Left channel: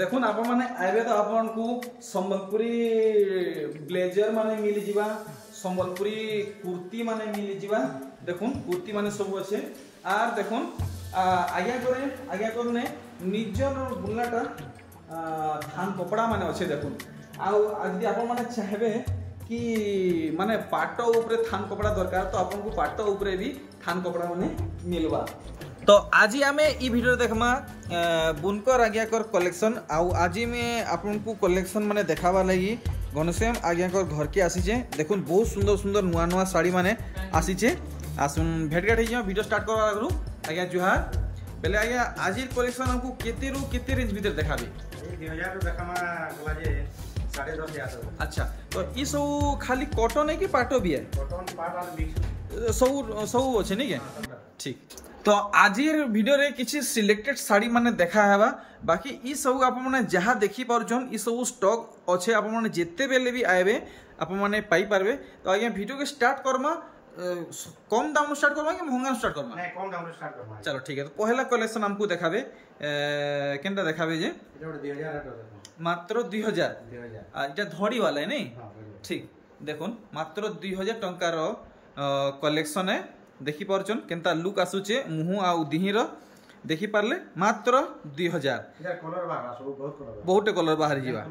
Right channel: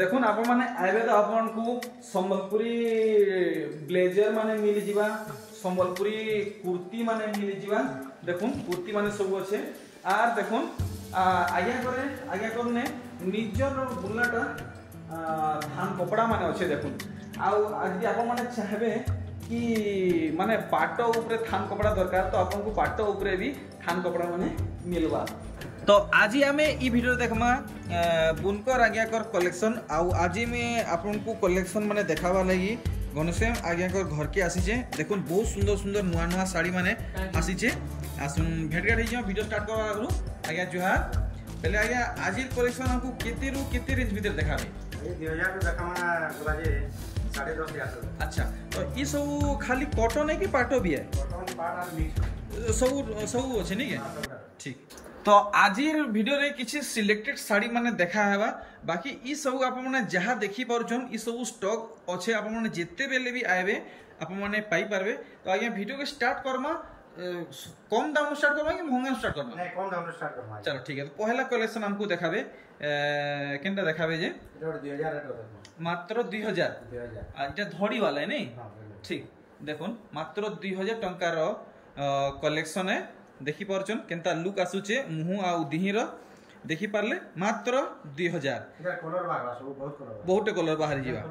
देखुन आप माने आइबे तो आपन को संबलपुरी ब्लेजर माने मिली जीवा संबलपुरी कुर्ती माने मिली जीवा देखुन कुर्ती माने सब अच्छे आर देखुन आज्ञा करने निजर बुलाटा धान कपड़ा माने अच्छे देखुन आज आप माने चाहबे कि माने पाट उपरे थान कपड़ा दरकार तो आपन को पाट उपरे भी थान कपड़ा माने मिलवा। तो आज आम ई वीडियो देखमा बुनकर आज्ञाकर कलेक्शन आज में आपन को कलेक्शन माने देखावा लगी घनश्याम आज्ञाकर घर के आसीचे देखुन बहुत सुंदर सुंदर नुआ नुआ साड़ी माने आसीचे आसुन भेटघाट हो वीडियो स्टार्ट करवा आगु आज्ञा जुहार पहले आज्ञा आज कलेक्शन हमको केते रु केते रेंज भीतर देखाबे 2000 रु देखामा गला जे 10.5 अच्छा तो ई सब खाली कॉटन है कि पाटो भी है कॉटन पाट और मिक्स सब अच्छे नहीं है ठीक। तो आज वीडियो रे किसी सिलेक्टेड साड़ी माने देखा है बाकी ई सब आप माने जहाँ देखी पारछन ई सब स्टॉक अच्छे आप माने जेते बेले भी आएबे आप माने पाई पारबे। तो आज्ञा वीडियो के स्टार्ट करमा कम दाम स्टार्ट करबा कि महंगा स्टार्ट करबा नहीं कम दाम स्टार्ट करबा चलो ठीक है। तो पहला कलेक्शन हमको देखाबे केनटा देखाबे जे 2000 रेट मात्र 2000 इटा धड़ी वाला है नहीं ठीक देखुन मात्र 2000 टंकार कलेक्शन है देखी पारछन केनता लुक आसुचे मुह आ दिहिर देखी पारले मात्र 2000 कलर बाहर सब बहुत कलर बाहर जीवा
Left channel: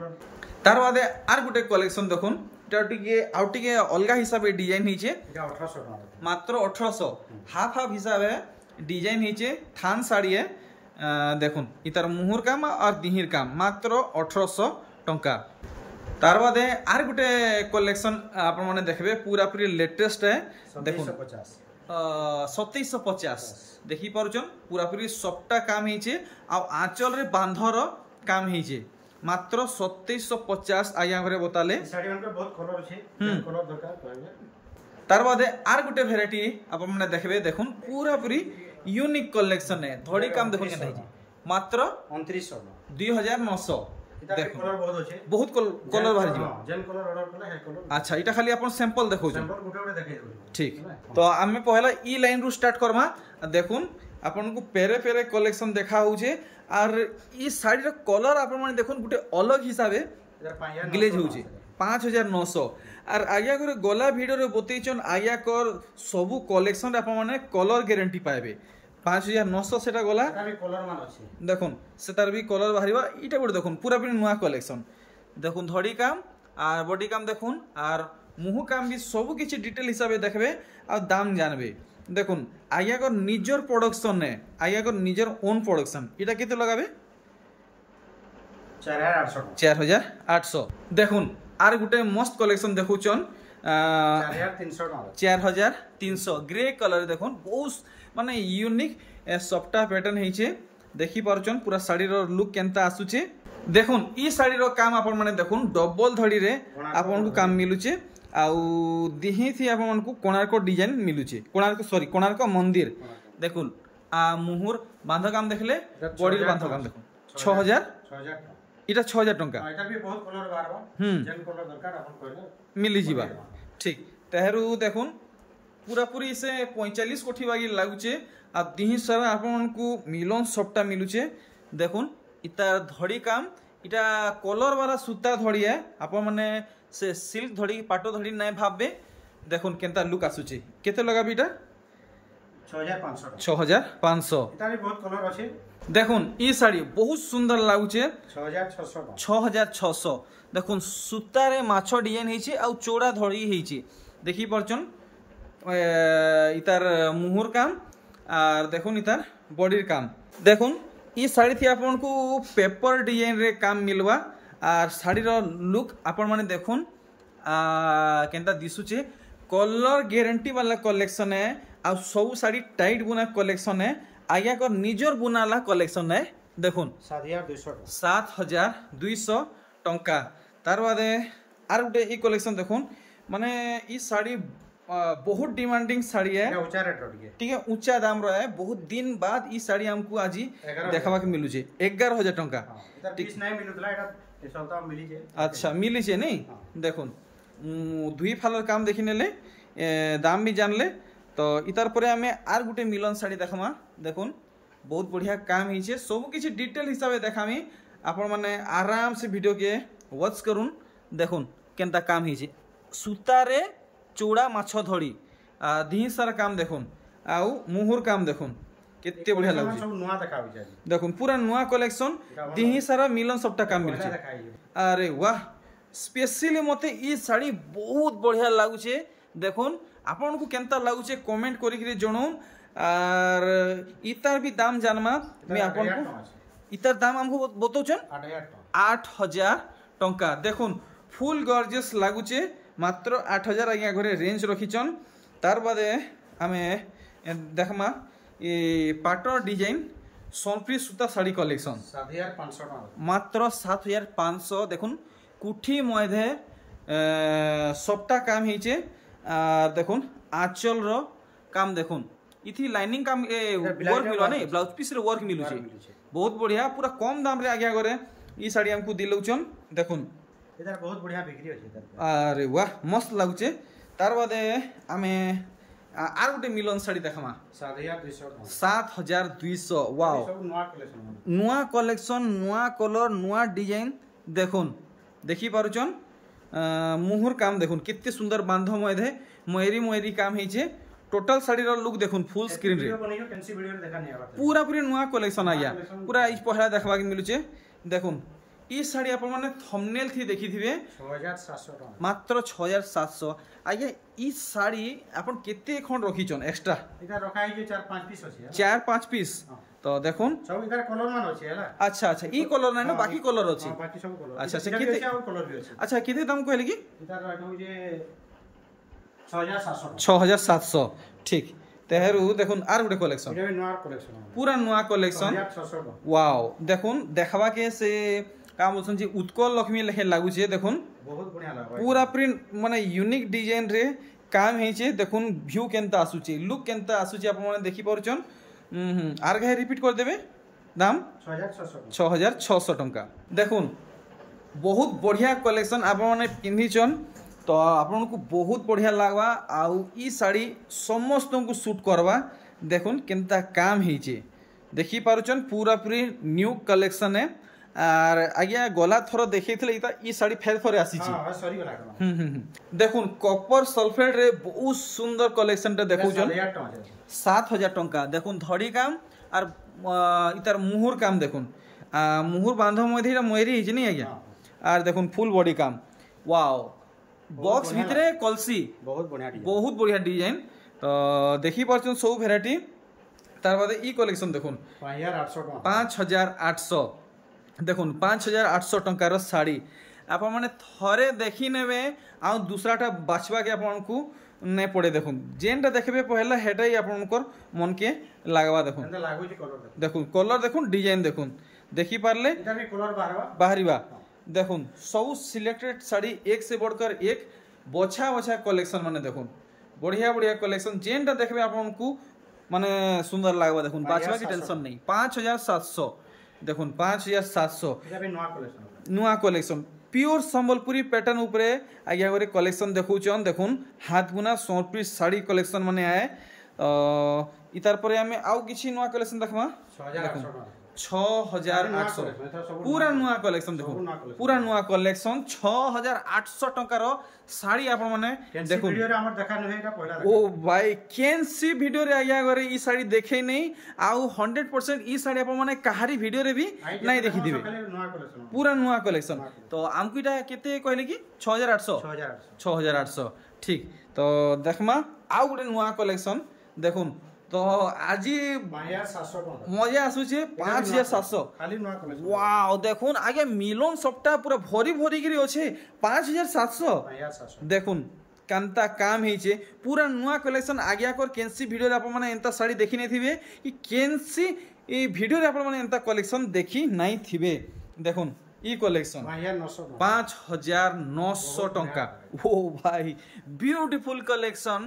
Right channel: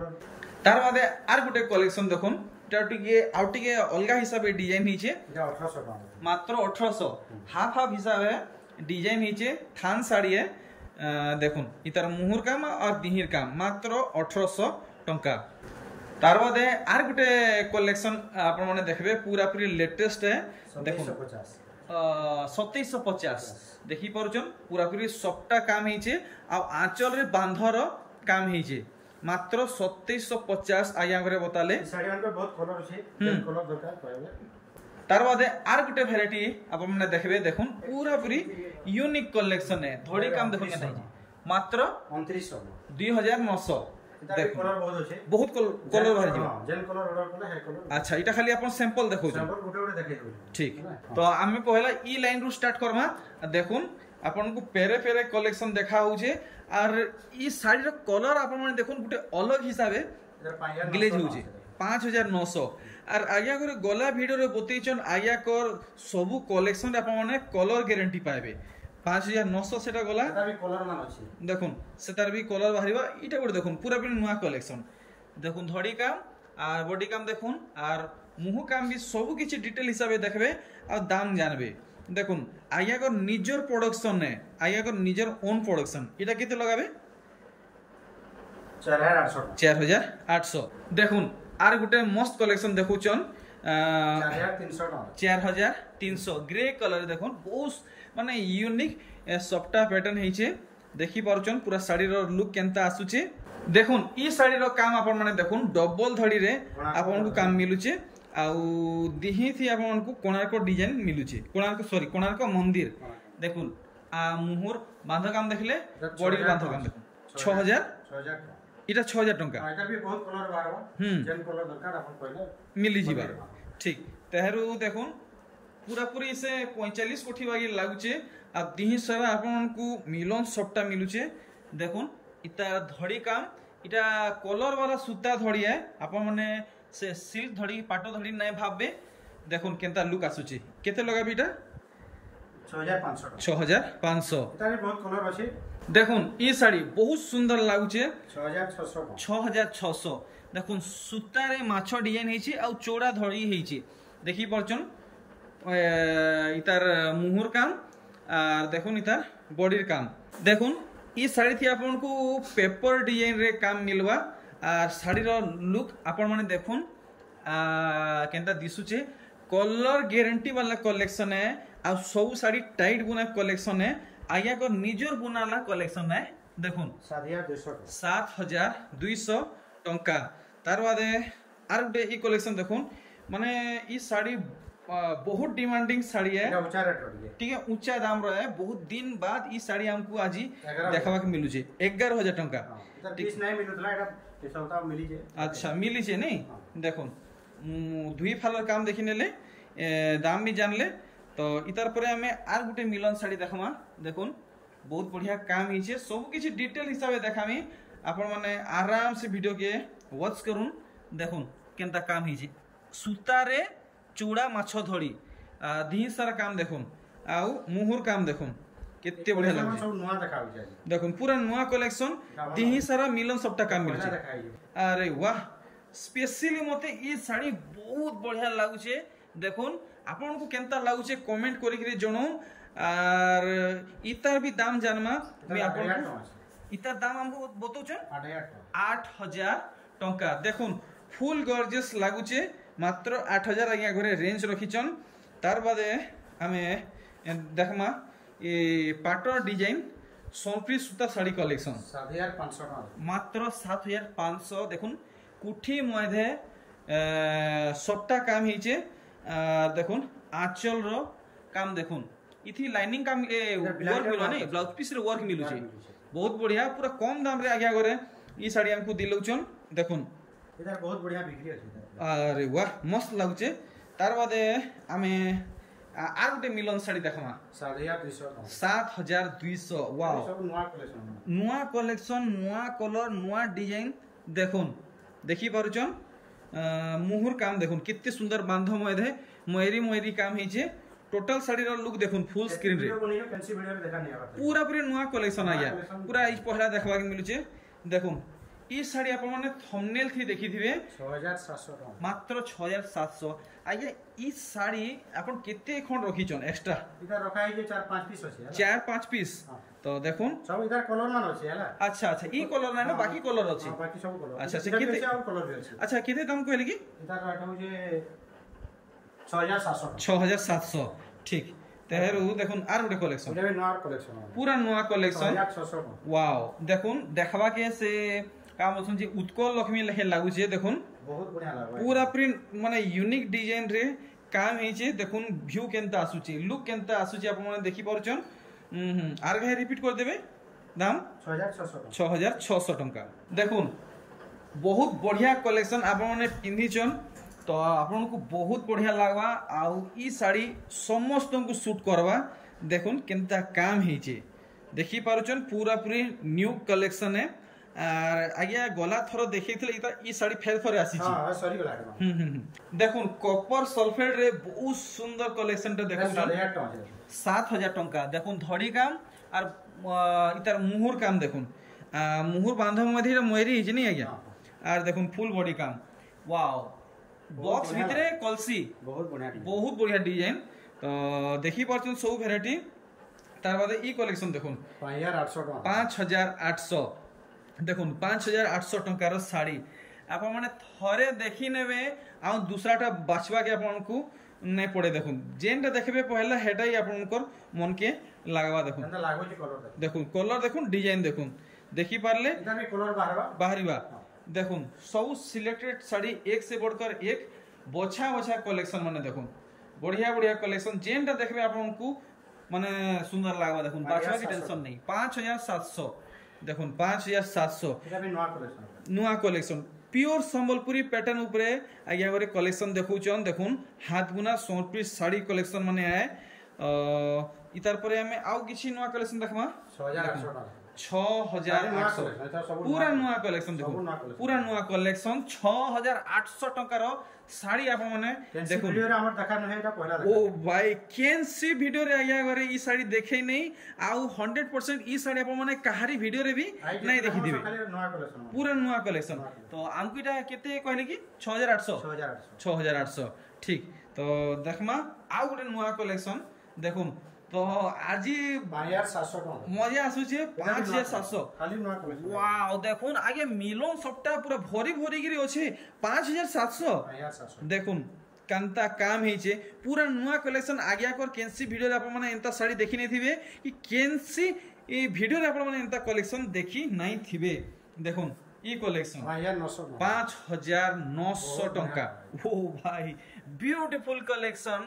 तार बादे आर गुटे कलेक्शन देखुन टिके अलगा हिसाब डिजाइन हिचे 1800 मात्र 1800 हाफ हाफ हिसाब डिजाइन हिचे थान साड़ी है देखुन इतार मुहुर काम और दिहिर काम मात्र 1800 टंका। तार बादे आर गुटे कलेक्शन आप माने देखबे पूरा पूरी लेटेस्ट है देखुन 2750 देखी पारछन पूरा पूरी सबटा काम हिचे आ आंचल रे बांधर काम हिचे मात्र 2750 आज्ञा घरे बताले साड़ी मन पे बहुत कलर छे कलर दरकार पड़े। तार बादे आर गुटे वैरायटी आप माने देखबे देखुन पूरा पूरी यूनिक कलेक्शन है धड़ी काम देखुन केना हिचे मात्र 2900 2900 देखो कलर बहुत अच्छे बहुत कलर बाहर जीवा जेन कलर ऑर्डर करला है कलर अच्छा इटा खाली अपन सैंपल देखो सैंपल गुटे गुटे देखे ठीक। तो आमे पहला ई लाइन रु स्टार्ट करबा देखुन आपन को पेरे पेरे कलेक्शन देखा होजे आर ई साड़ी रो कलर आपन माने देखुन गुटे अलग हिसाबे ग्लेज होजे 5900 आर आज्ञा करे गला वीडियो रे बतैचन आज्ञा कर सब कलेक्शन आपन माने कलर गारंटी पाएबे 5900 सेटा गला भी कलर मान अछि देखुन सेटार भी कलर बाहरिबा इटा गोटे देखुन पूरा पूरी नुआ कलेक्शन देखुन धड़ी काम आर बॉडी काम देखुन आर मुह काम भी सब किछि डिटेल हिसाबे देखबे आ दाम जानबे देखुन आज्ञा को निजर प्रोडक्शन है आज्ञा को निजर ओन प्रोडक्शन इटा केते लगाबे 4800 देखुन आर गुटे मस्त कलेक्शन देखुचन 4300 ग्रे कलर देखुन बहुत माने यूनिक सफ्टा पैटर्न हिचे देखी पारछन पूरा साड़ी रो लुक केनता आसुचे देखुन ई साड़ी रो काम आपन माने देखुन डबल धड़ी रे आपन को काम मिलुचे आउ दिही थी आपन को कोणार्क डिजाइन मिलुचे कोणार्क मंदिर देखुन आ मुहुर बांध काम देखले बॉडी बांध काम देखुन 6000 इटा 6000 टंका एटा भी बहुत कलर बारबा जेन कलर दरकार आपन कहले मिली जीवा ठीक। तेहरू देखुन पूरा पूरी से 45 कोठी वागी लागुचे आ दिही सारा आपन को मिलन सबटा मिलुचे देखुन इता धड़ी काम इटा कलर वाला सूता धड़ी है आपन माने से सिल्क धड़ी पाटो धड़ी नै भाबबे देखुन केनता लुक आसुचे केते लगाबी इटा 6500 इता भी बहुत कलर अछि देखुन ई साड़ी बहुत सुंदर लागुचे 6600 देखुन सूता रे माछो डिजाइन हेछि आ चौड़ा धड़ी हेछि देखि परछन इतार मुहुर काम और देखुन इतार बॉडीर काम देखुन ई साड़ी थी आपन को पेपर डिजाइन रे काम मिलवा और साड़ी रो लुक आपन माने देखुन केनता दिसुचे कलर गारंटी वाला कलेक्शन है आ सब साड़ी टाइट बुना कलेक्शन है आज्ञा को निजर बुनाला कलेक्शन है देखुन 7200 टंका। तार बादे आर गुटे ई कलेक्शन देखुन माने ई साड़ी बहुत डिमांडिंग साड़ी है ऊंचा रेट ठीक है ऊंचा दाम रो है बहुत दिन बाद ई साड़ी हमको आज देखा के मिलु छे 11000 टंका नहीं मिलुतला एटा सप्ताह मिली छे अच्छा मिली छे नहीं देखुन दुई फालर काम देखि नेले दाम भी जानले तो इतार परे हमें आर गुटे मिलन साड़ी देखमा देखुन बहुत बढ़िया काम हिचे सब किछि डिटेल हिसाबे देखामी आपण माने आराम से वीडियो के वॉच करूँ देखुन केनता काम ही सूतारे चूड़ा माछ धड़ी दी सारा काम देखुन आउ मुहुर काम देखुन केते बढ़िया लागे सब नुआ देखा होय देखुन पूरा नुआ कलेक्शन दी सारा मिलन सबटा काम मिल अरे वाह स्पेशली मते ई साड़ी बहुत बढ़िया लागुचे देखुन आपन को केनता लागुचे कमेंट करी करी जणोम आर इतार भी दाम जानमा मैं आपन को इतार दाम हमको बतौछन 8000 टंका देखुन फुल गॉर्जियस लागुचे मात्र 8000 आज्ञा घरे रेंज रखिछन तार बादे आमे देखमा ये पाटर डिजाइन सोनप्री सूता साड़ी कलेक्शन 7500 मात्र 7500 देखुन कुठी मधे सबटा काम हिचे देखुन आंचल रो काम देखुन इथि लाइनिंग काम वर्क मिलो नै ब्लाउज पीस रे वर्क मिलु छै बहुत बढ़िया पूरा कम दाम रे आज्ञा करे ई साड़ी हमको दिलौछन देखुन इधर बहुत बढ़िया बिक्री अछि अरे वाह मस्त लागुचे तार बादे आमे आर गोटे मिलन साड़ी देखमा 7200 वाओ नुआ कलेक्शन नुआ कलर नुआ डिजाइन देखुन देखि पारुचन मुहुर काम देखुन कितने सुंदर बांध मधे मयरी मयरी काम हिचे टोटल साड़ी रो लुक देखुन फुल स्क्रीन रे पूरा पूरी नुआ कलेक्शन आया पूरा इस पहला देखबा के मिलुचे देखुन ई साड़ी आप माने थंबनेल थी देखि थिबे 6700 मात्र 6700 आगे ई साड़ी आपण केते खंड रखिचन एक्स्ट्रा इधर रखा है जे 4-5 पीस अछि 4-5 पीस तो देखुन सब इधर कलर मान अछि हला अच्छा अच्छा ई कलर नै न बाकी कलर अछि बाकी सब कलर अच्छा अच्छा केते और कलर भी अछि अच्छा केते दाम कहले की इधर रहौ जे 6700 6700 ठीक तेहरू देखुन आर गुटे कलेक्शन इधर नुआ कलेक्शन पूरा नुआ कलेक्शन 6600 वाओ देखुन देखबा के से काम बोलछन जे उत्कल लक्ष्मी लेखे लागु छे देखुन बहुत बढ़िया लागबा पूरा प्रिंट माने यूनिक डिजाइन रे काम हे छे देखुन व्यू केनता आसु छे लुक केनता आसु छे आप माने देखि पारुछन आर घे रिपीट कर देबे दाम 6600 टंका देखुन बहुत बढ़िया कलेक्शन आप माने पिन्हिचन तो आपन को बहुत बढ़िया लागबा आउ ई साड़ी समस्त को सूट करबा देखुन केनता काम हे छे देखि पारुछन पूरा पूरी न्यू कलेक्शन है आर आज्ञा गला थरो देखैथिले ई साड़ी फेर फेर आसी छी हां सॉरी गला का देखुन कॉपर सल्फेट रे बहुत सुंदर कलेक्शन टे देखौ छन 7000 टंका देखुन धड़ी काम आर इतार मुहुर काम देखुन मुहुर बांधो मधि रे मयरी हिज नै आज्ञा आर देखुन फुल बॉडी काम वाओ बॉक्स भितरे कलसी बहुत बढ़िया डिजाइन तो देखि परछन सब वैरायटी तार बाद ई कलेक्शन देखुन 5800 देखुन 5800 टंकार साड़ी आप माने थरे देखि नेबे आ दूसराटा बाछवा के आपन को नै पड़े देखुन जेनटा देखबे पहला हेटाई आपनकर मन के लागबा देखुन एंदा लागो जे कलर देखुन कलर देखुन डिजाइन देखुन देखि पारले इधर भी कलर बाहरीबा देखुन सब सिलेक्टेड साड़ी एक से बढ़कर एक बछा बछा कलेक्शन माने देखुन बढ़िया बढ़िया कलेक्शन जेनटा देखबे आपन को माने सुंदर लागबा देखुन बाछवा की टेंशन नहीं 5700 देखुन 5700 इधर भी नुआ कलेक्शन प्योर संबलपुरी पैटर्न ऊपरे आज्ञा करे कलेक्शन देखौछन देखुन हाथ बुना सोनप्री साड़ी कलेक्शन माने आए इतार परे हमें आउ किछि नुआ कलेक्शन देखमा 6800 पूरा नुआ कलेक्शन देखो पूरा नुआ कलेक्शन 6800 टंकार साड़ी आप माने देखो वीडियो रे हमर देखा नै एटा पहला ओ भाई कैन सी वीडियो रे आया करे ई साड़ी देखे नै आउ 100% ई साड़ी आप माने कहारी वीडियो रे भी नै देखि दिबे पूरा नुआ कलेक्शन तो आमकुटा केते कहले की 6800 ठीक तो देखमा आउ गुटे नुआ कलेक्शन देखुन तो आज 5700 टका मजा आसु छे 5700 खाली नुआ कलेक्शन वाओ देखुन आगे मिलन सबटा पूरा भरी भरी गिरी अछि 5700 देखुन कांता काम हेचे पूरा नुआ कलेक्शन आज्ञा कर केनसी वीडियो रे आप माने एंता साड़ी देखि नै थिबे कि केनसी ए वीडियो रे आप माने एंता कलेक्शन देखि नै थिबे देखुन ई कलेक्शन 5900 टंका ओ भाई ब्यूटीफुल कलेक्शन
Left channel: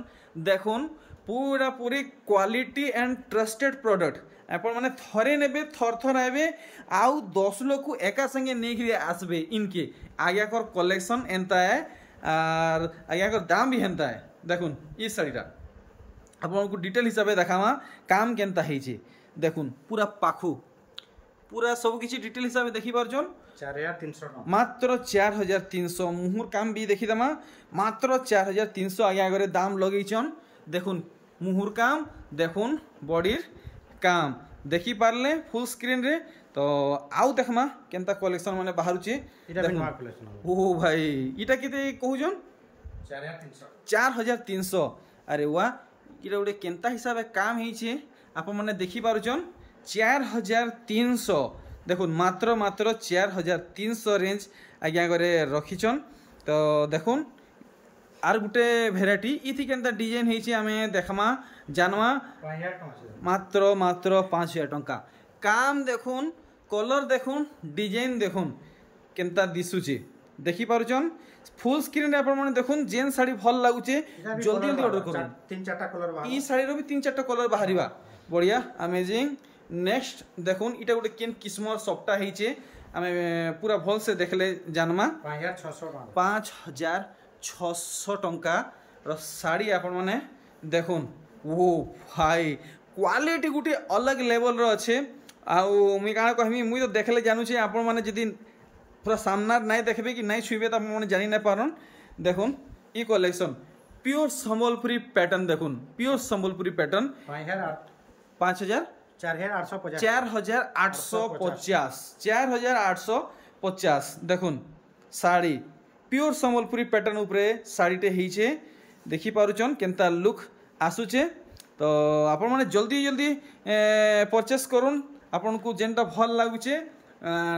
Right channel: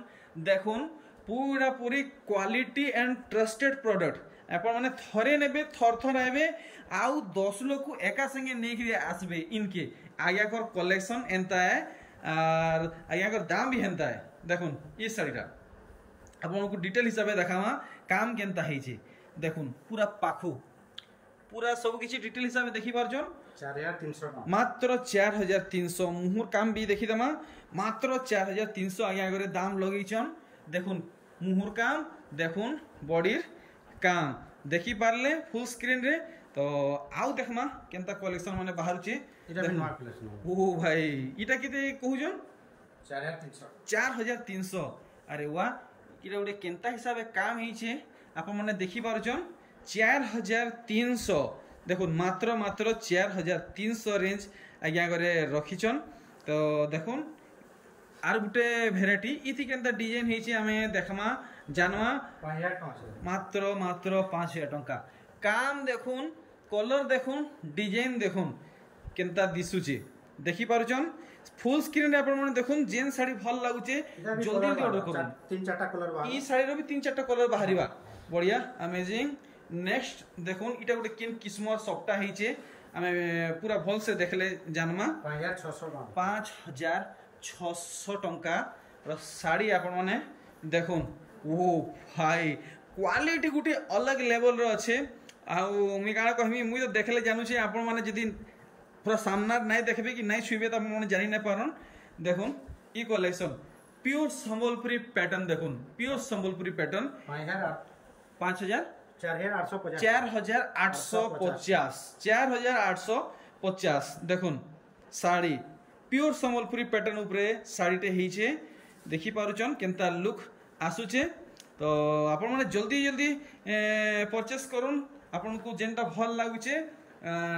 देखुन पूरा पूरी क्वालिटी एंड ट्रस्टेड प्रोडक्ट आप माने थरे नेबे थर थर आबे आउ 10 लोग को एका संगे नेकी आसबे इनके आज्ञा कर कलेक्शन एंता है और आज्ञा कर दाम भी हेंता है देखुन ई साड़ीटा आपन को डिटेल हिसाब से देखावा काम केनता हेछि देखुन पूरा पाखु पूरा सब किसी डिटेल हिसाब से देखी पारछन 4300 मात्र 4300 मुहुर काम भी देखी दमा मात्र 4300 आगे आगे दाम लगेछन देखुन मुहुर काम देखुन बॉडीर काम देखी पारले फुल स्क्रीन रे तो आउ देखमा केनता कलेक्शन माने बाहरुची ओ भाई इटा केते कहूजन 4300 अरे वाह इटा गोटे केनता हिसाब से काम हेछे आपण माने देखी पारुचन 4300 देखुन मात्र मात्र 4300 रेंज आज्ञा करे रखिछन तो देखुन आर गुटे भेराइटी इथि केनता डिजाइन हेछि आमे देखमा जानवा 5000 टका मात्र मात्र 5000 टका काम देखुन कलर देखुन डिजाइन देखुन केनता दिसुची देखि पारुचन फुल स्क्रीन रे आपण माने देखुन जेन साड़ी भल लागुचे जल्दी जल्दी ऑर्डर करू 3-4टा कलर बाहर ई साड़ी रो भी 3-4टा कलर बाहरिबा बढ़िया अमेजिंग नेक्स्ट देखुन इटा गुटे केन किस्मर सफ्टा हेछि आमे पूरा भल से देखले जानमा 5600 टंका रो साड़ी आपण माने देखुन ओ भाई क्वालिटी गुटे अलग लेवल रो अच्छे आउ मुई का कहमी मुई तो देखले जानू छे आपण माने जदी पूरा सामना नहीं देखबे कि नहीं छुबे त आपण माने जानि नै पारन देखुन ई कलेक्शन प्योर संबलपुरी पैटर्न देखुन प्योर संबलपुरी पैटर्न 5000 4850 देखुन साड़ी प्योर संबलपुरी पैटर्न उपरे साड़ीटे हेछे देखि पारुचन केनता लुक आसुचे तो आपण माने जल्दी जल्दी परचेस करूँ आपन को जेनटा भल लागुचे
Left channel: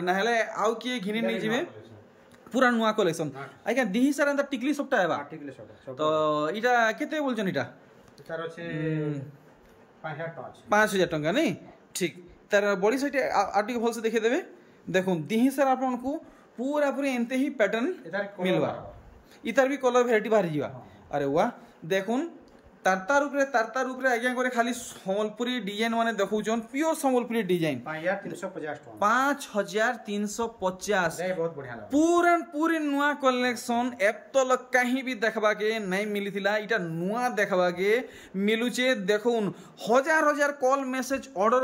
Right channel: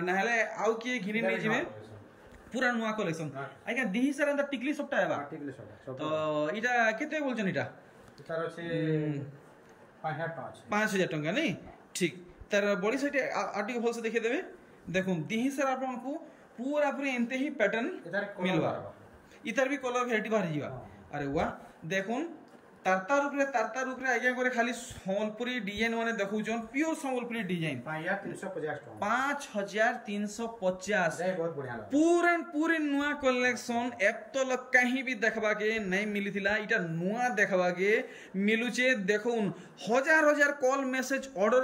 नहले आउ किए घिनी नहीं जिवे पूरा नुआ कलेक्शन आज्ञा दिही सारा एंता टिकली सबटा हेबा तो इटा केते बोलछन इटा तार अछि 5000 टंका नहीं ठीक तार बॉडी साइड आटी भल से देखे देबे देखुन दिही सारा आपन को पूरा पूरी एंते ही पैटर्न मिलवा इतार भी कलर वैरायटी बाहर जीवा अरे वाह देखुन तारता रूप रे आज्ञा करे खाली संबलपुरी डिजाइन माने देखौछन प्योर संबलपुरी डिजाइन 5350 बहुत बढ़िया पूरन पूरी नुआ कलेक्शन एप तो लग कहीं भी देखबा के नहीं मिलिथिला इटा नुआ देखबा के मिलुचे देखुन हजार हजार कॉल मैसेज ऑर्डर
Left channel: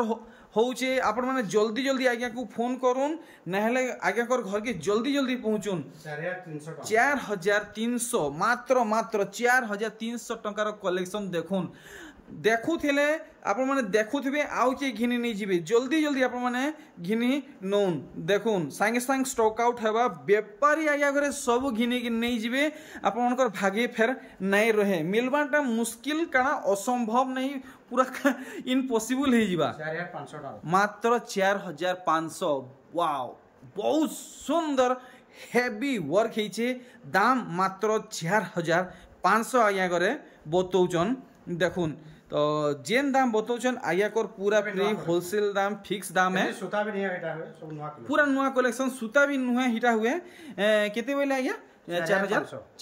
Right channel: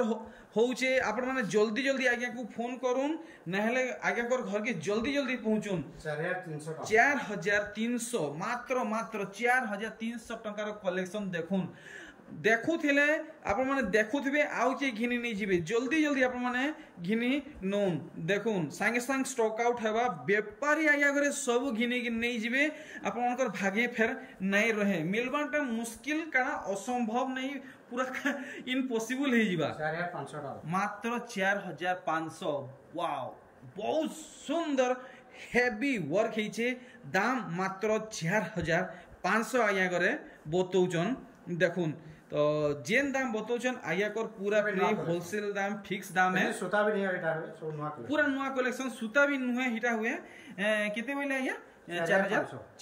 होउचे आपण माने जल्दी जल्दी आज्ञा को फोन करूँ नहले आज्ञा कर घर के जल्दी जल्दी पहुंचुन 4300 मात्र मात्र 4300 टंकार कलेक्शन देखुन देखुथिले आपण माने देखुथिबे आउ के घिनी नहीं जिबे जल्दी जल्दी आपण माने घिनी नोन देखुन संगे संग स्टॉक आउट हेबा व्यापारी आज्ञा करे सब घिनी के नहीं जिबे आपण मानकर भागे फेर नहीं रहे मिलबाटा मुश्किल काना असंभव नहीं पूरा इम्पॉसिबल हे जिबा 4500 मात्र 4500 वाओ बहुत सुंदर हेवी वर्क हेचे दाम मात्र 4500 आज्ञा करे बतौचन देखुन तो जेन दाम बतौचन आज्ञा कर पूरा प्री होलसेल दाम फिक्स दाम है सूता भी नहीं हिटा हुए सब नुआ पूरा नुआ कलेक्शन सूता भी नुआ हिटा हुए केते बोले आज्ञा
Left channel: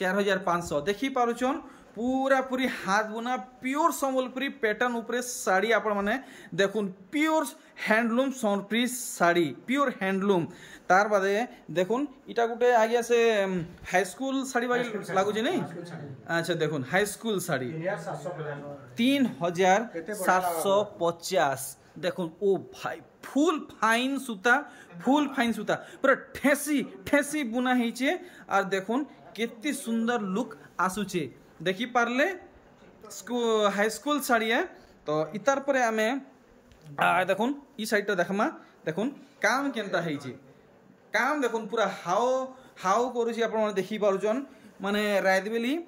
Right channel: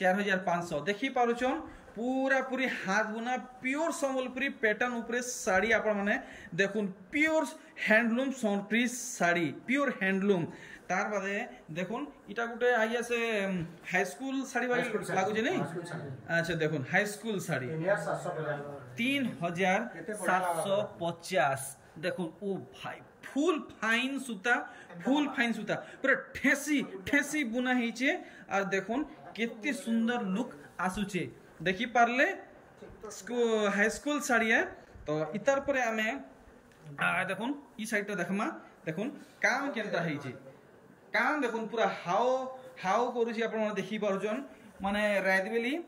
4500 देखि पारुचन पूरा पूरी हाथ बुना प्योर संबलपुरी पैटर्न ऊपर साड़ी आपण माने देखुन pure handloom Sambalpuri sari pure handloom तार बादे देखुन इटा गुटे आगे से हाई स्कूल साड़ी वाली लागू जे नहीं अच्छा देखुन हाई स्कूल साड़ी 3750 देखुन ओ भाई फुल फाइन सूता पूरा ठेसी बुना हेचे और देखुन केते सुंदर लुक आसुचे देखि पारले हाई स्कूल साड़ी है तो इतार परे आमे देखुन ई साइड देखमा देखुन काम केनता हेछि काम देखुन पूरा हाउ करूछि आपण माने देखि पारुचन माने रात बेली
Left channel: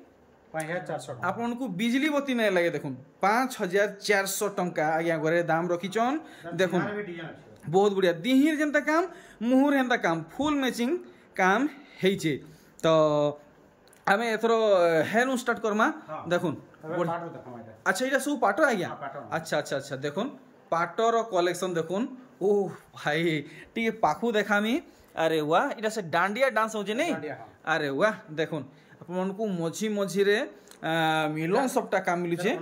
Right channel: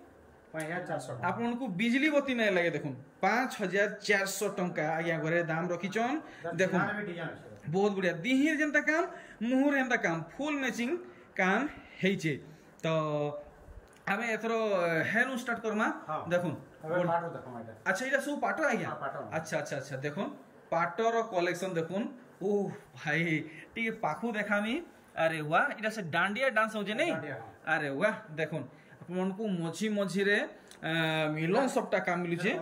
5400 आपण को बिजली बत्ती नहीं लगे देखुन 5400 टंका आज्ञा घरे दाम रखिचन देखुन बहुत बढ़िया दिहिर जेंता काम मुहुर हेंता काम फुल मैचिंग काम हेछि तो आमे एथरो हेलु स्टार्ट करमा देखुन अच्छा इटा सब पाटो आज्ञा अच्छा देखुन पाटर कलेक्शन देखुन ओ भाई टी पाखु देखामी अरे वाह इटा से डांडिया डांस होजे नहीं अरे वाह देखुन अपन को मझी रे मिलन सबटा काम मिलु छे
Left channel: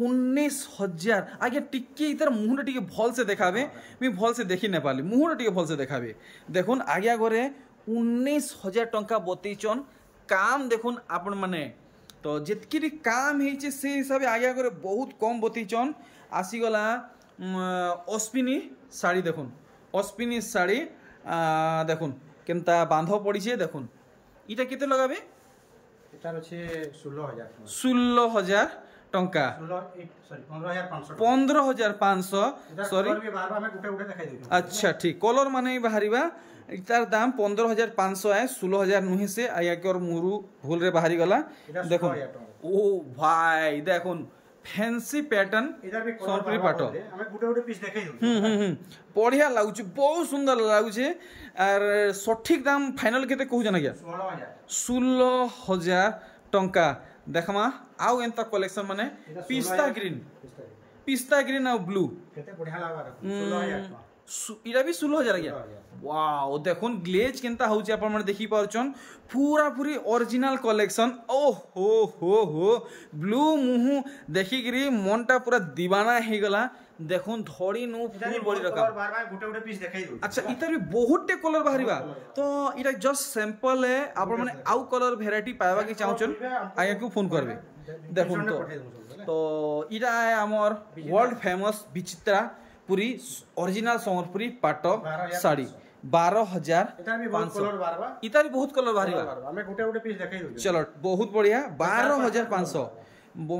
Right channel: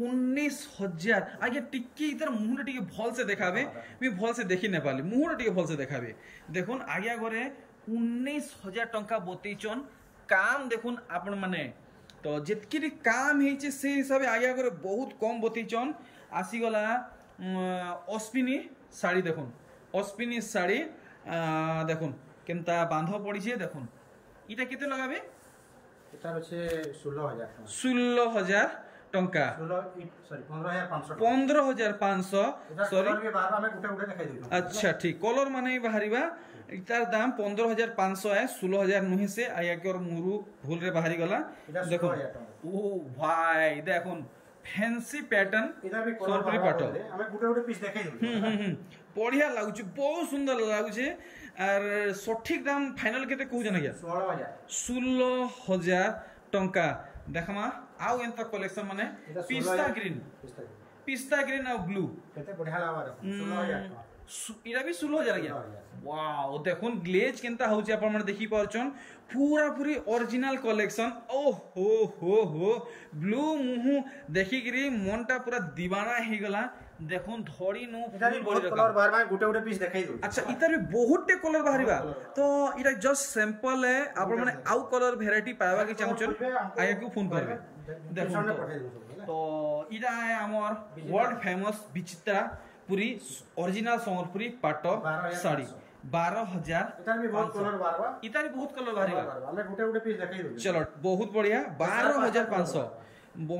19000 आगे टिके इधर मुहर टिके भल से देखाबे मी भल से देखि न पाली मुहर टिके भल से देखाबे देखुन आगे घरे 19000 टंका बतैचन काम देखुन आपण माने तो जितकी काम हेचे से हिसाब आगे घरे बहुत कम बतैचन आसी गला अश्विनी साड़ी देखुन অস্পিনি শাড়ি দেখুন কেমতা বাঁধ পড়িছে দেখুন এটা কেতে লগাবে এটার হচ্ছে 16,000 টাকা 16,000 টঙ্কা 15,500 সরি আচ্ছা ঠিক কলর মানে বাহারিবা এটার দাম 15,500 है 16,000 নুহে से आया के और मुरु भूल रे बाहरी गला देखो ओ भाई देखो फैंसी पैटर्न এটা भी সম্পূর্ণ পাটো আমি গুটে পিস দেখাই দেব बढ़िया लागुचे बहुत सुंदर लागुचे और सठिक दाम फाइनल केते कहू जना क्या 16,000 टंका देखमा आउ एंता कलेक्शन माने पिस्ता ग्रीन और ब्लू केते बढ़िया लागबा 16,000 टका इरा भी 16,000 गया वाओ देखुन ग्लेज केनता होची आपण माने देखि पारछन पूरा पूरी ओरिजिनल कलेक्शन ओ हो ब्लू मुहु देखि गिरी मनटा पूरा दीवाना हे गला देखुन धड़ी नु फुल बड़ी रखा कलर बार बार गुटे पीस देखाई दउ अच्छा इतर भी बहुत टे कलर बाहरिबा तो इरा जस्ट सैंपल है आपण माने आउ कलर वैरायटी पावा के चाहछन आया को फोन करबे देखुन तो इरा है हमर वर्ल्ड फेमस विचित्रा पूरी ओरिजिनल संबलपुरी पाट साड़ी 12,000 इतार भी बहुत कलर बाहरिबा हमें गुटे पीस देखाई दउ चलो बहुत बढ़िया 12,500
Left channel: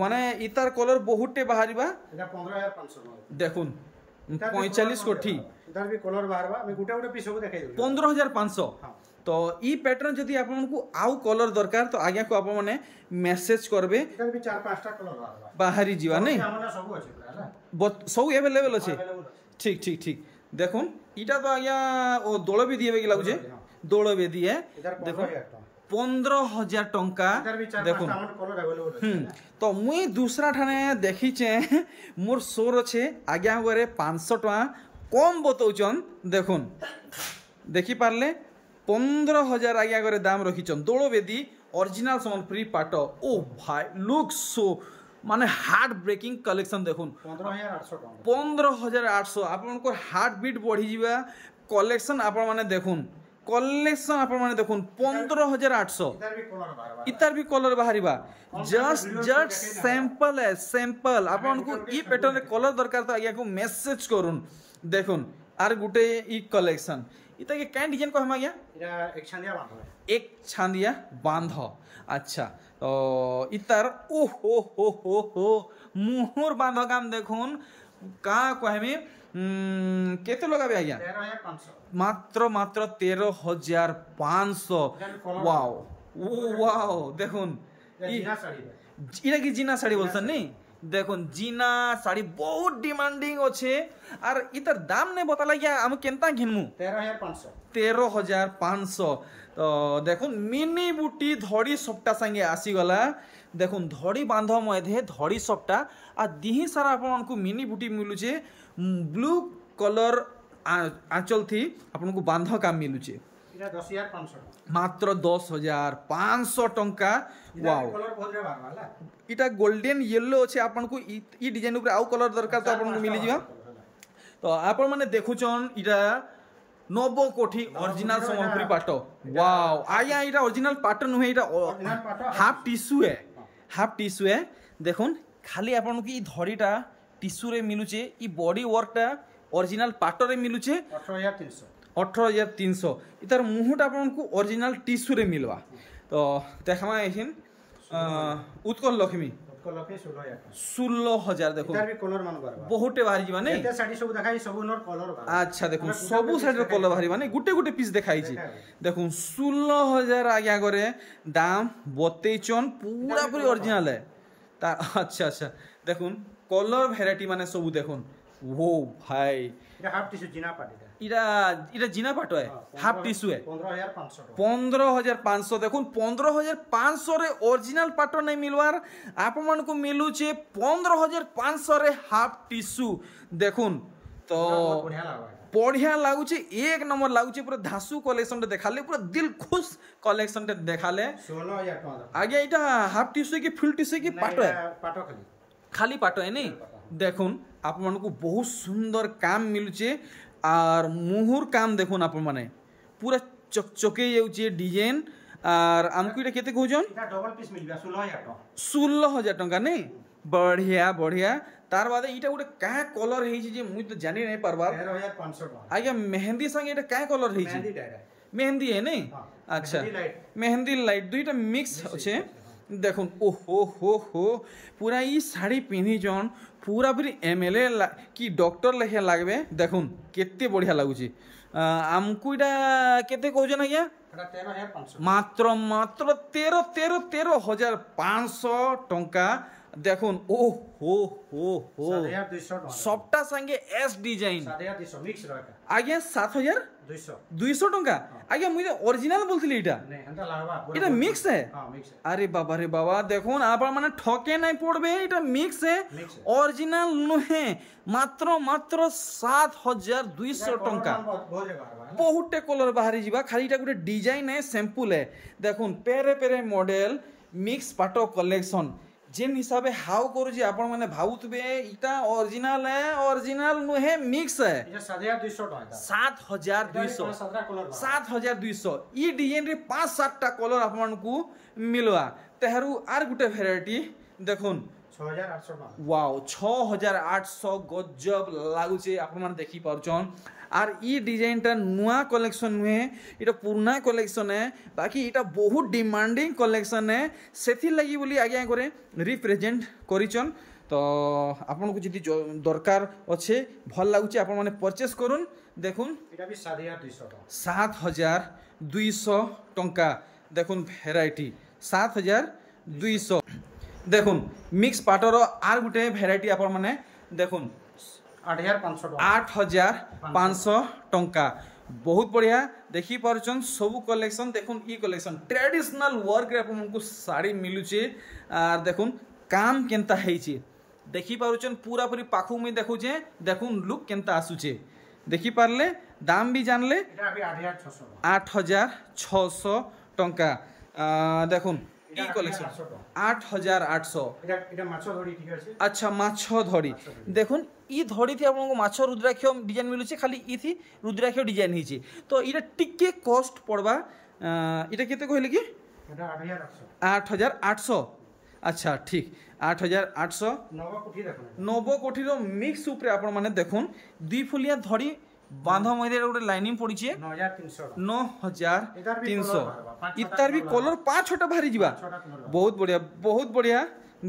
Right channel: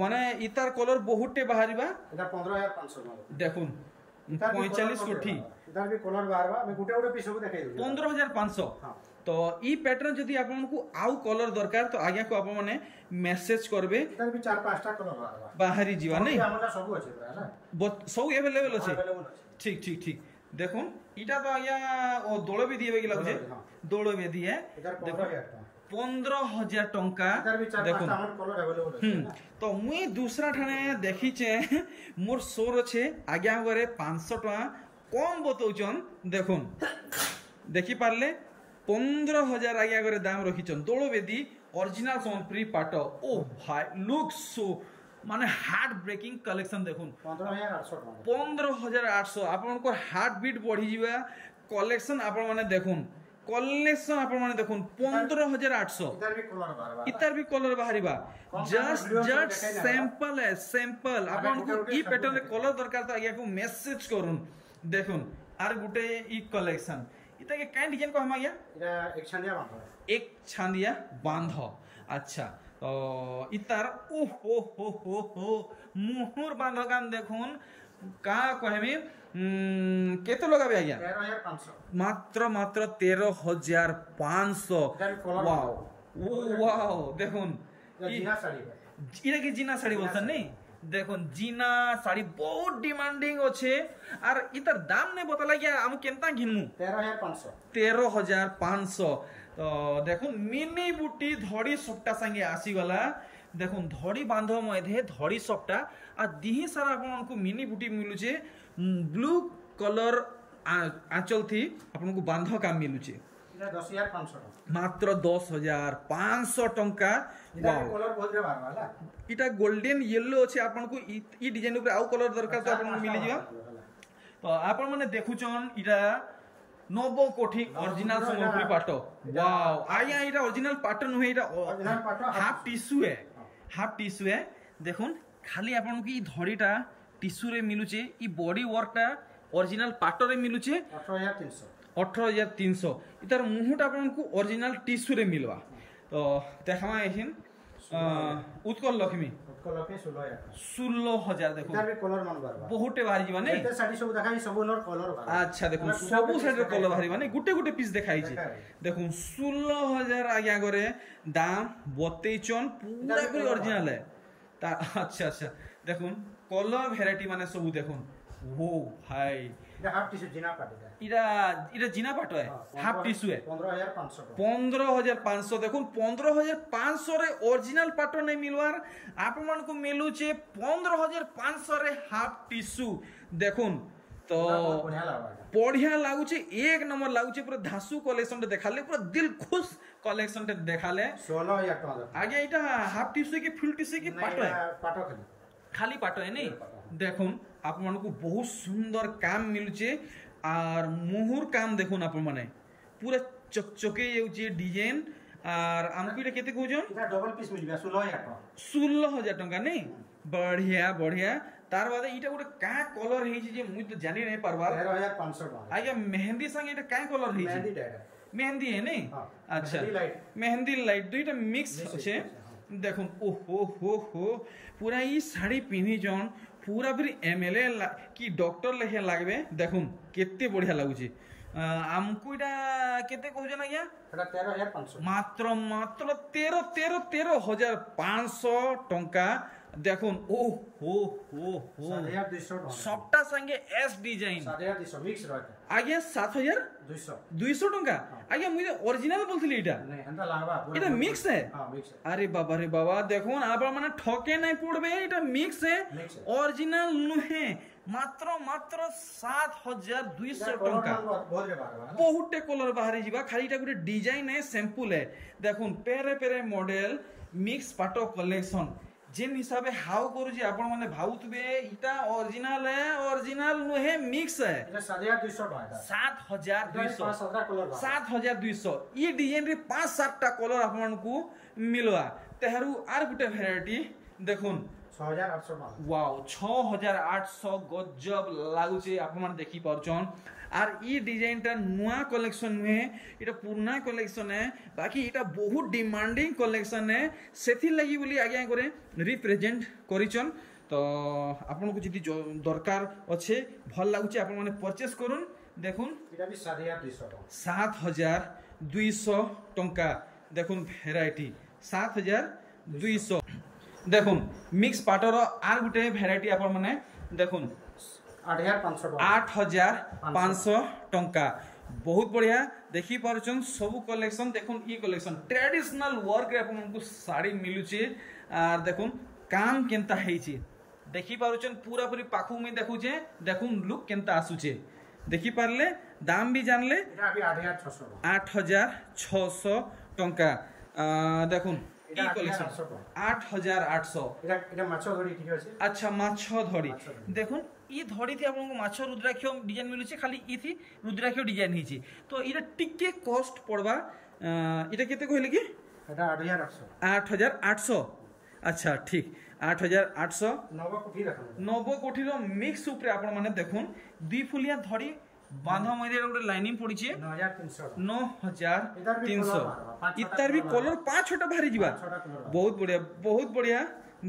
माने इतार कलर बहुत टे बाहरिबा এটা 15,500 देखुन 45 कोठी इधर भी कलर बाहरबा मैं गुटे पीस सब देखाई दउ 15,500 तो ई पैटर्न जदी आपन को आउ कलर दरकार तो आगे को आपन माने मेसेज करबे इधर भी 4-5टा कलर बाहरबा बाहरी जीवा नहीं हमना सब अछि पूरा सब अवेलेबल अछि ठीक ठीक ठीक देखुन इटा तो आया ओ दोलो भी दिए लागु छे दोलो भी दिए देखो 15,000 टंका देखो तो मुई दूसरा ठाने देखी छे मोर सोर छे आज्ञा गरे 500 टका कम बतौचन देखुन देखि पारले 15,000 आज्ञा गरे दाम रखिचन दोलो बेदी ओरिजिनल संबलपुरी पाट ओ भाई लुक सो माने हार्ट ब्रेकिंग कलेक्शन देखुन 15,800 आपन को हार्ट बीट बढ़ी जीवा कलेक्शन आपन माने देखुन कलेक्शन आपन माने देखुन 15,800 इतार भी कलर बाहरिबा जस्ट सैंपल है सैंपल आपन को ई पैटर्न रे कलर दरकार तो आगे को मेसेज करूं देखुन आर गुटे ई कलेक्शन इता के काई डिजाइन को हम आगे एटा एक छांदिया बांध अच्छा तो इतार ओ हो मुहुर बांध काम देखुन का कहमी केते लगाबे आज्ञा 13,500 मात्र 13,500 वाओ वाओ देखुन जीना साड़ी इरा की जीना साड़ी बोलसन नहीं देखुन जीना साड़ी बहुत डिमांडिंग अच्छे और इतर दाम ने बताला क्या हम केनता घिनमु 13,500 तो देखुन मिनी बुटी धड़ी सप्ता संगे आसी गला देखुन धड़ी बांध मधे धड़ी सप्ता आ दिही सारा आपन को मिनी बुटी मिलुचे ब्लू कलर आंचल थी आपन को बांध काम मिलुचे इरा 10,500 मात्र 10,500 टंका वाओ कलर बहुत रे बारवाला इटा गोल्डन येलो अच्छे आपन को ई डिजाइन ऊपर आउ कलर दरकार तो आपन को मिली जियो तो आपन माने देखुचन इटा 90 कोठी ओरिजिनल संबलपुरी पाटो वाओ आया इटा ओरिजिनल पाटो नुहे इटा हाफ टिश्यू है देखुन खाली आपन को ई धड़ीटा टिश्यू रे मिलुचे ई बॉडी वर्कटा ओरिजिनल पाटो रे मिलुचे 18,300 इतार मुहुटा आपन को ओरिजिनल टिश्यू रे मिलवा तो देखमा एहिन उत्कल लक्ष्मी 16,000 देखो इधर भी कलर मन बारबा बहुते बाहरी जीवा नहीं एते साड़ी सब देखाई सब नर कलर बारबा अच्छा देखो सब साइड रे कलर बाहरी माने गुटे गुटे पीस देखाई छी देखो 16,000 आगे करे दाम बतेचन पूरा पूरी ओरिजिनल है ता अच्छा देखुन कलर वैरायटी माने सब देखुन वो भाई इरा हाफ टिश्यू जीना पाटे इरा जीना पाटो है हाफ टिश्यू है 15,500 15,500 देखुन 15,500 रे ओरिजिनल पाटो नहीं मिलवार आप मन को मिलू छे 15,500 रे हाफ टिश्यू देखुन तो बढ़िया लागू छे एक नंबर लागू छे पूरा धासु कलेक्शन देखाले पूरा दिल खुश कलेक्शन देखाले 16,000 टका आगे इटा हाफ टिश्यू की फुल टिश्यू की पाटो है पाटो खाली पाटो है नहीं देखुन आप मन को बहुत सुंदर काम मिलुचे और मुहुर काम देखुन आप माने पूरा चकचके जाउचे डिजाइन और हमको इटा केते कहउजन इटा डबल पीस मिलबा 16,000 टका 16,000 टका नहीं बढ़िया तार बाद इटा गोटे क्या कलर है जे मुई तो जानी नहीं पारबा 13,500 टका आज्ञा मेहंदी संगे इटा क्या कलर है मेहंदी टाइप है मेहंदी है नहीं हाँ, अच्छा मेहंदी लाइट मेहंदी लाइट दुईटा मिक्स अच्छे देखुन ओहो हो पूरा ई साड़ी पिन्ही जन पूरा पूरी एमएलए कि डॉक्टर लेखे लागबे देखुन केते बढ़िया लागुची आमको इटा केते कहजन आज्ञा এটা 13,500 मात्र मात्र 13,500 टंका देखुन ओ हो 7,200 टका सबटा संगे एस डिजाइन 7,200 मिक्स रहता आज्ञा 7,200 टंका आज्ञा मुझे ओरिजिनल बोलथिली इटा नहीं एंता लागबा इटा मिक्स है हां मिक्स है अरे बाबा देखो आप माने ठके नहीं पड़बे इटा मिक्स है मिक्स है ओरिजिनल नुहे मात्र 7,200 टंका बहुत रे बारबा बहुटे कलर बाहरी जीवा खाली इटा गोटे डिजाइन है सैंपल है देखुन पेरे पेरे मॉडल मिक्स पाटो कलेक्शन जेन हिसाबे हाउ करू जे आपण माने भाउतबे इटा ओरिजिनल है ओरिजिनल नुहे मिक्स है এটা 7,200 টাকা 7,200 17 कलर 7,200 ई डिजाइन रे 5-7 टा कलर आपण को मिलवा तेहरू आर गुटे वेराइटी देखुन 6,800 टका वाओ 6,800 गजब लागुचे आपण माने देखि परचन आर ई डिजाइन टा नुआ कलेक्शन नुहे इटा पुराना कलेक्शन है बाकी इटा बहुत डिमांडिंग कलेक्शन है सेथि लगी बोली आज्ञा करे रिप्रेजेंट करिचन तो आपण को जदी दरकार अच्छे भल लागुचे आपण माने परचेस करूँ देखुन এটা भी 7,200 টাকা 7,200 टंका देखुन भेराइटी 7,200 देखुन मिक्स पाटर आर गुटे भेराइटी आपण माने देखुन 8,500 टका 8,500 टंका बहुत बढ़िया देखी पारुछन सब कलेक्शन देखुन ई कलेक्शन ट्रेडिशनल वर्क रे आपन को साड़ी मिलुचे आर देखुन काम केनता हेची देखी पारुछन पूरा पूरी पाखु में देखुचे देखुन लुक केनता आसुचे देखी पारले दाम भी जानले এটা भी 8,600 টাকা 8,600 टंका देखुन ई कलेक्शन 8,800 এটা এটা মাছ ধরি ঠিক আছে अच्छा माछ धड़ी देखुन ई धड़ी थी आपको माछ रुद्राक्ष डिजाइन मिलुचे खाली ई थी रुद्राक्ष डिजाइन हिची तो इटा टिके कॉस्ट पड़बा इटा केते कहले कि এটা 8,800 8,800 अच्छा ठीक 8,800 नव कोठी देखो नव कोठी रो मिक्स ऊपर आपण माने देखुन दुई फुलिया धड़ी बांधा मध्य गोटे लाइनिंग पड़ी 9,300 9,300 इतार भी कलर 5-6टा बाहरी जीवा बहुत बढ़िया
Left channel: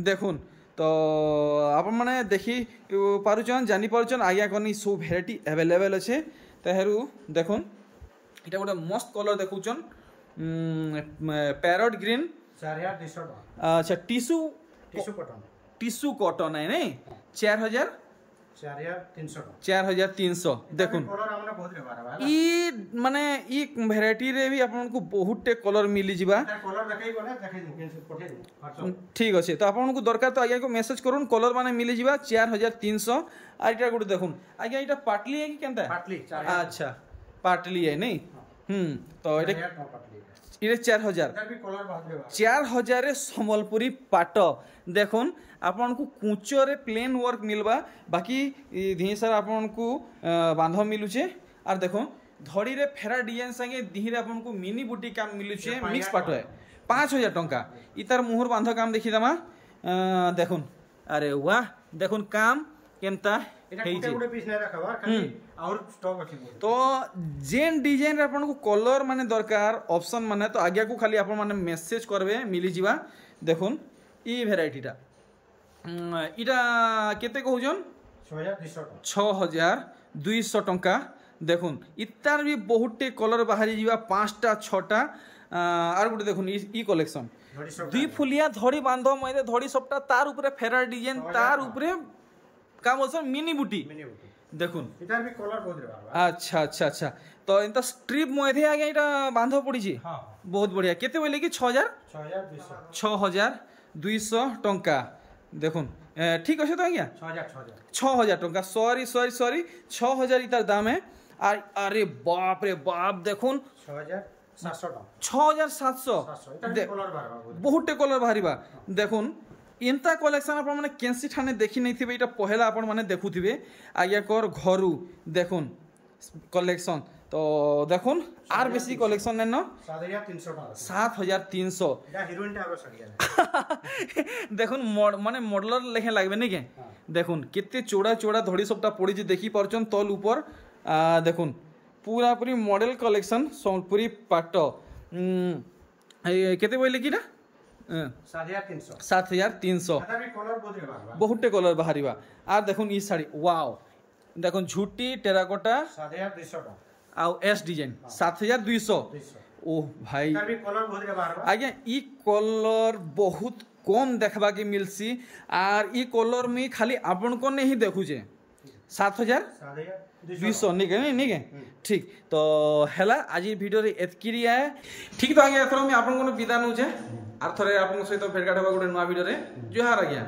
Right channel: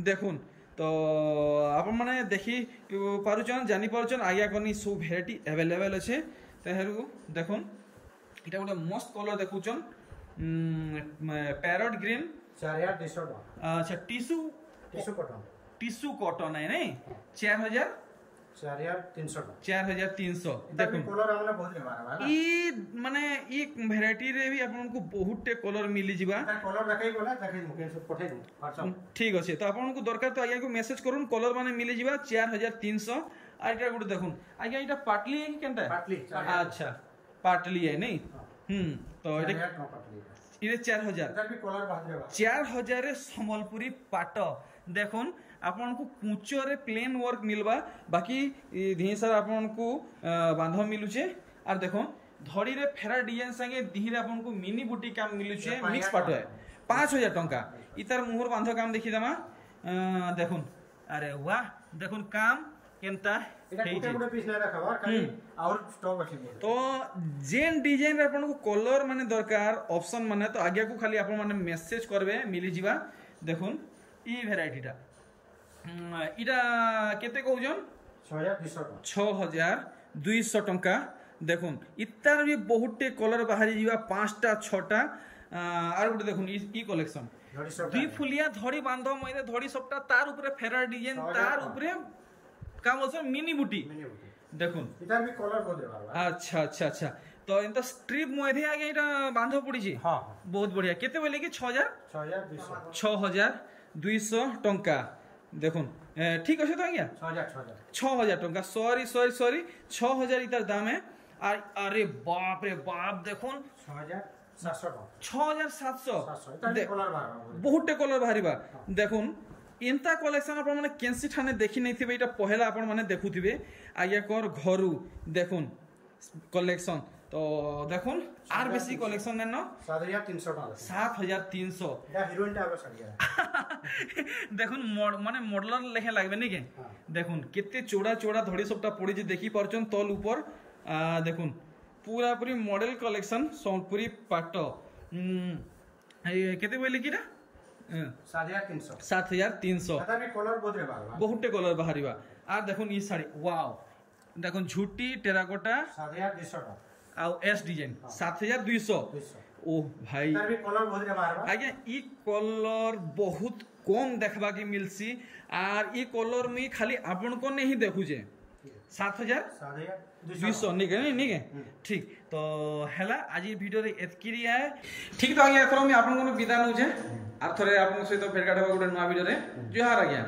देखुन तो आपण माने देखी पारुचन जानी पारुचन आज्ञा करनी सब भेराइटी अवेलेबल अच्छे तेहरू देखुन इटा गोटे मस्त कलर देखुचन पैरट ग्रीन 4,200 टका अच्छा टिश्यू कॉटन है नहीं 4,300 टका 4,300 देखुन कलर हमने बहुत रे बारबा ई माने ई भेराइटी रे भी आपन को बहुत टे कलर मिली जिबा कलर देखाई कोना देखाई मुके पठे दे ठीक अछि तो आपन को दरकार तो आज्ञा को मैसेज करूँ कलर माने मिली जिबा 4,300 आ इटा गुड देखुन आज्ञा इटा पाटली है कि केनता पाटली अच्छा पाटली है नहीं तो इटा 4,000 4,000 रे संबलपुरी पाट देखुन आपन को कुचो रे प्लेन वर्क मिलबा बाकी धी सारा आपन को बांध मिलुचे आर देखो धड़ी रे फेरा डिजाइन संगे दिहिरे आपन को मिनी बुटी काम मिलुचे मिक्स पाट है 5,000 टंका इतार मुहर बांध काम देखि दमा देखुन अरे वाह देखुन काम केनता गुटे पीस नै रखबा खाली और स्टॉक अछि तो जेन डिजाइन रे आपन को कलर माने दरकार ऑप्शन माने तो आगे को खाली आपन माने मैसेज करबे मिली जिबा देखुन ई वेराइटीटा इटा केते कहउजन 6,200 टंका देखुन इतार भी बहुते कलर बाहरी जीवा 5टा 6टा आर गुटे देखुन ई कलेक्शन दुई फुलिया धड़ी बांध मइदे धड़ी सबटा तार ऊपर फेरा डिजाइन तार ऊपर काम बोलछन मिनी बुटी देखुन इतार भी कलर बहुत रे बारबा अच्छा तो एंता स्ट्रिप मइदे आगे इटा बांध पड़ी छी हां बहुत बढ़िया केते बोले कि 6,200 टंका देखुन ठीक अच्छे तो आज्ञा 6,000 टंका सॉरी 6,000 इतार दाम है अरे बाप रे बाप देखुन 6,700 बहुत कलर बाहरी देखुन इंता कलेक्शन आप माने केंसी ठाने देखी नहीं पहला आपण माने देखुथिबे आज्ञा कर घरु देखुन कलेक्शन तो देखुन आर बेसी कलेक्शन नेन 7300 টাকা 7300 এটা হিরোইনটা আবার সারিয়া দেখুন মানে মডেলর লেখে লাগবে নাকি দেখুন কেতে চৌড়া চৌড়া ধড়ি সবটা পড়িছি দেখি পারছন তল উপর দেখুন পুরাপুরি মডেল কলেকশন সম্বলপুরি পাট কেতে বইলে কি না 7300 7300 এটা বি কলর বদলে বারবার বহুটে কলর বাহারিবা আর দেখুন ই শাড়ি ওয়াও দেখুন ঝুটি টেরাকোটা 7200 টাকা আউ এস ডিজাইন 7200 ও ভাই এটা বি কলর বদলে বারবার আজ্ঞা ই কলর বহুত কম দেখবা কি মিলছি আর ই কলর মি খালি আপন কোন হি দেখুছে 7200 নিকে ঠিক তো হেলা আজি ভিডিওরে এতকিরি আয়ে ঠিক তো আজ্ঞা এথর আমি আপন কোন বিদায় নউছে আর থরে আপন সহিত ভেট গাড়বা গোটে নয়া ভিডিওরে জুহার আজ্ঞা